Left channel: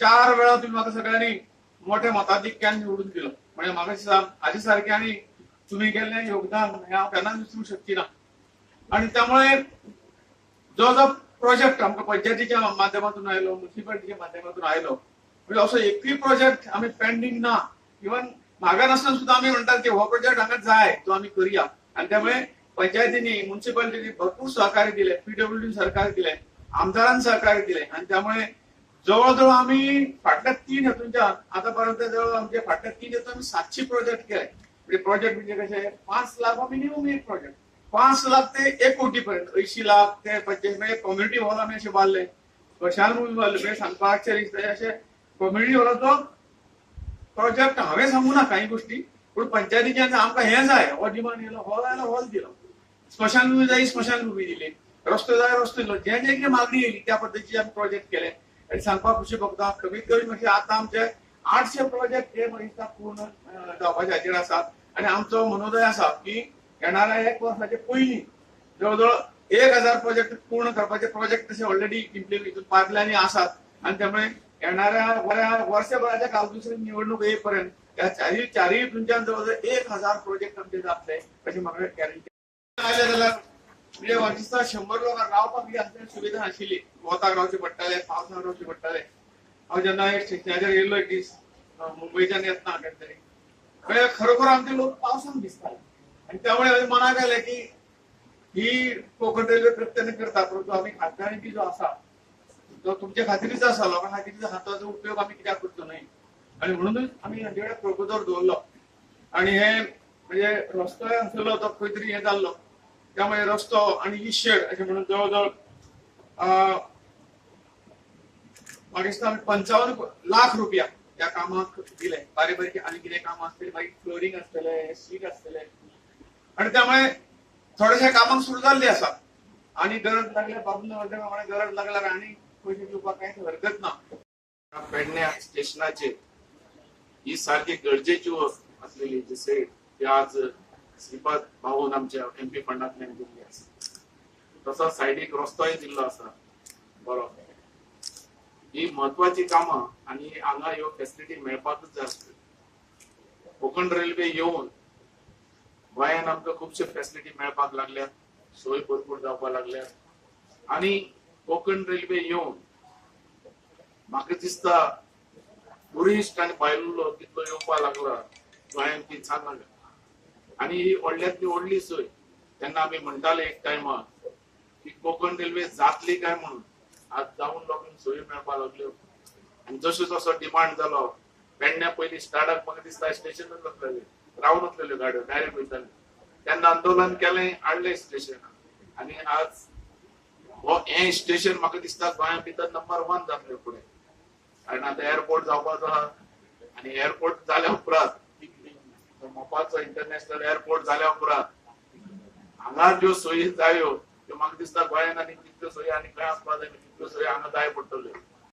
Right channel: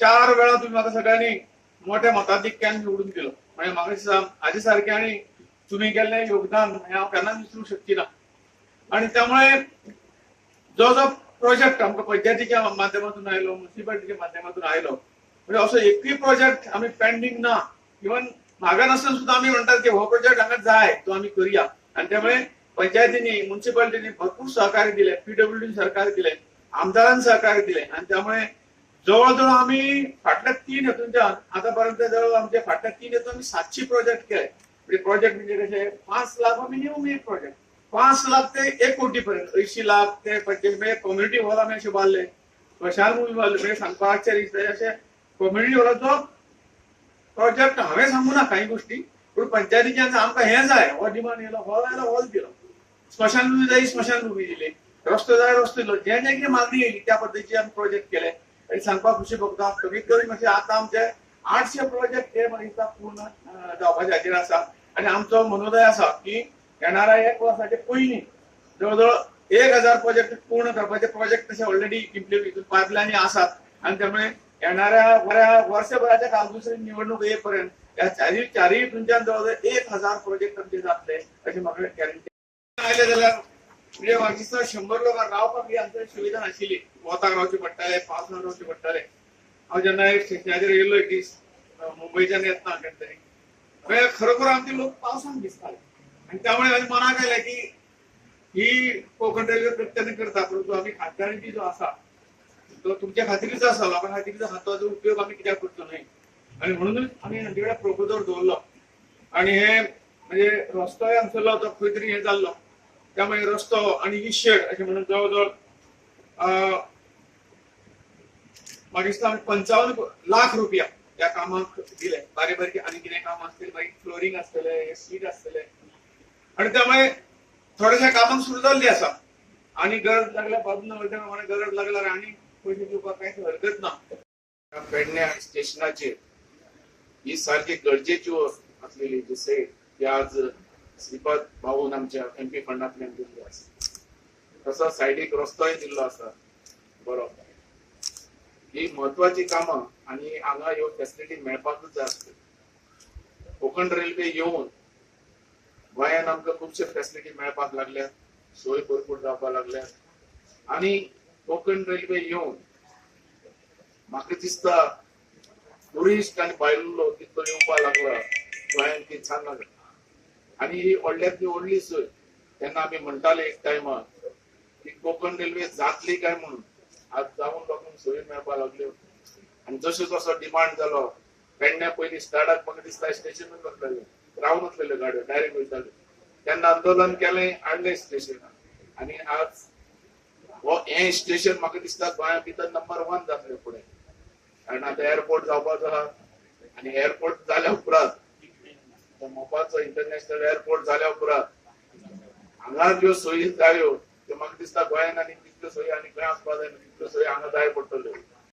4 वेळा तुम्ही म्हाका सगळ्यांनी मोठ्या मताधिक्यान निवडून दिलो. म्हणजे म्हाका हाजे सारक्यांनी तुम्ही केल्लें योगदान हांव केन्नाच विसरूंक शकची ना. आणि त्यामुळे जो जो प्रोजेक्ट आमकां पंचायतीच्या माध्यमातून आयलो, म्युनिसिपालिटीच्या माध्यमातून आयलो, म्हणजे असो एकूय प्रोजेक्ट आम्ही पेंडिंग ना. इवन म्हाका नासतना सुद्धा आम्ही म्हणतात की हो प्रोजेक्ट हांगा जाय तो आम्ही करूया. आणि त्यामुळे पंचायतींनी म्युनिसिपालिटीनी भरपूर सहकार्य दिले, पीडब्ल्यूडी सहकार्य दिले, आमदारांनी सहकार्य दिले. आणि त्यामुळे जवळजवळ आम्ही फाटल्या 3 हेतूंच्यान आतापर्यंत जवळ आमचे फाटल्या 3 हेतून आम्ही 700 प्रोजेक्ट केले. म्हणजे प्रोजेक्ट म्हणजे कसे 5 लाख मिनिमम एक प्रोजेक्ट, 5 लाख ते 1 कोटी पर्यंत, 80 लाख ते 45 म्हणजे कम्युनिटी हॉल आम्ही असे बांधले, स्मशान भूमी बांधले. म्हणजे सांगपाक असे कम्युनिटी हॉलाचो प्रोजेक्ट हांवें सांगू ना काही गोष्टी, पण पंचायतीच्यान आमकां हें जाय हो डिमांड येयलो, हॉल आयलो हॉल दिलो, स्मशान भूमी जाय स्मशान भूमी दिली, रस्तो जाय रस्तो दिलो. जे जे कितें मागणी येयली त्या पद्दतीचे आमी प्रोजेक्ट केले. आणि सांगपाक खुशी भोगता कमीत कमी म्हणजे आता आमचे 800 प्रोजेक्ट हे म्हाका दिसता पूर्ण जावपाचे हाचेर आसा. आणि आमचो मनोदय आसा की येणाऱ्या 1 वर्साचे पयलीं जवळजवळ 1000 प्रोजेक्ट पूर्ण करपाचे प्रोजेक्ट तसे ऑलरेडी इम्प्लिमेंट पायपलायनी आसात. आणि त्यामुळे येणाऱ्या वर्षभराच्या कालदुसरी निवडणूक येईपर्यंत या चारही तुमच्या जवळजवळ 1000 प्रोजेक्ट आमचे जातले अशी म्हाका गॅरंटी आयले. जाल्यार म्हणजे म्हाका दिसता 100 लोकांक रावपाक ही आमची सुविधा नाशिल्ली. वताक रावचे पडटाले, पावसान रावचे पडटाले. हांव जेन्ना एक स्टेशनाचेर येयलो एक दीस मुंबयच्यान येतना खंय तरी, खरोखर आमचे लोक पावसान भिजताले. आणि त्यामुळे हांवें मनाक आयलें की ही कोकण रेल्वे प्रत्येक करता, परंतु आम्ही खासदारांची जो आसा तो तुमच्या खात्रीच आसा, लोकां खातीर हाताचो उपयोग आम्ही कित्याक करचो न्हय. आणि म्हणूनच आम्ही हांचे प्रोपोजल दवरलो. आणि हे म्हणजे रस्तोय आसलो तो खंय तरी हे जाल्लो, त्यामुळे रस्तो आणि ही शेड अशें म्हणून जवळजवळ म्हाका दिसता 55 लाख रुपया त्या कामाक दिले. बारीक बारीक आनी कितें काम आसतलें, मागीर फ्लोरिंग आसतलें, सीट आसतलें. आणि त्यामुळे थोड्याशा कामाक सुरू जाल्ली आसा. आणि गरज लागल्यार बाबून गरज लागल्यार आनी पयशे दिवपाक कांयच हरकत ना. पेडण्या स्टेशनाचेर ही सारखी गरजेची असलेली जी सेट ती आज श्रीपाद भाऊन आमच्या MP फंडांतल्यान दिल्ली आसा. तसो सायडीक रस्तोय दिल्लो आसा बरो. ही महत्वाची कामां आणि हांगा ह्यो फॅसिलिटी मेळपाकूच जाय आसतली. कोकण रेल्वे येवन गोंयांत आमकां खुबशे फॅसिलिटी मेळपाक लागल्यात, सोय भरपूर जावपाक लागल्यात. आणि कोकण रेल्वे येवन म्हाका दिसता टुरिस्ट आनी भायलो कितलो येवपाक लागला गोंयांत ती सांगना. आणि ही व्हडल्यांतली व्हडली सोय. तेन्ना आमी म्हणटाले एक टायमार की कोकण रेल्वे जातली काय म्हणून, आज जावन लोकांक सोयी मेळपाक लागल्यो. आणि जसो जसो डिमांड जालो पेडण्या पयलीं स्टार्टाक म्हाका दिसता स्टेशनूच आसताले, रावन आसलेल्यो गाडयो डायरेक्ट वयताले. तेन्ना आंदोलन केलें, हाडलें स्टेशनाक. आणि आज हो हें स्टेशन म्हाका दिसता गोंया भितर नंबर 1 जातलें फुडें. कारण आतां एअरपोर्ट जावपाचो आहा. आणि एअरपोर्ट जाल्या उपरांत मोपाचो इंटरनॅशनल एअरपोर्ट जाल्या उपरांत हांगा ज्यो सोयी जायो त्यो म्हाका दिसता गोंयांत आनी तितल्यो सोयी आनी खंय आसपाक जाय तितल्यो सोयी हांगा जाय पडटल्यो.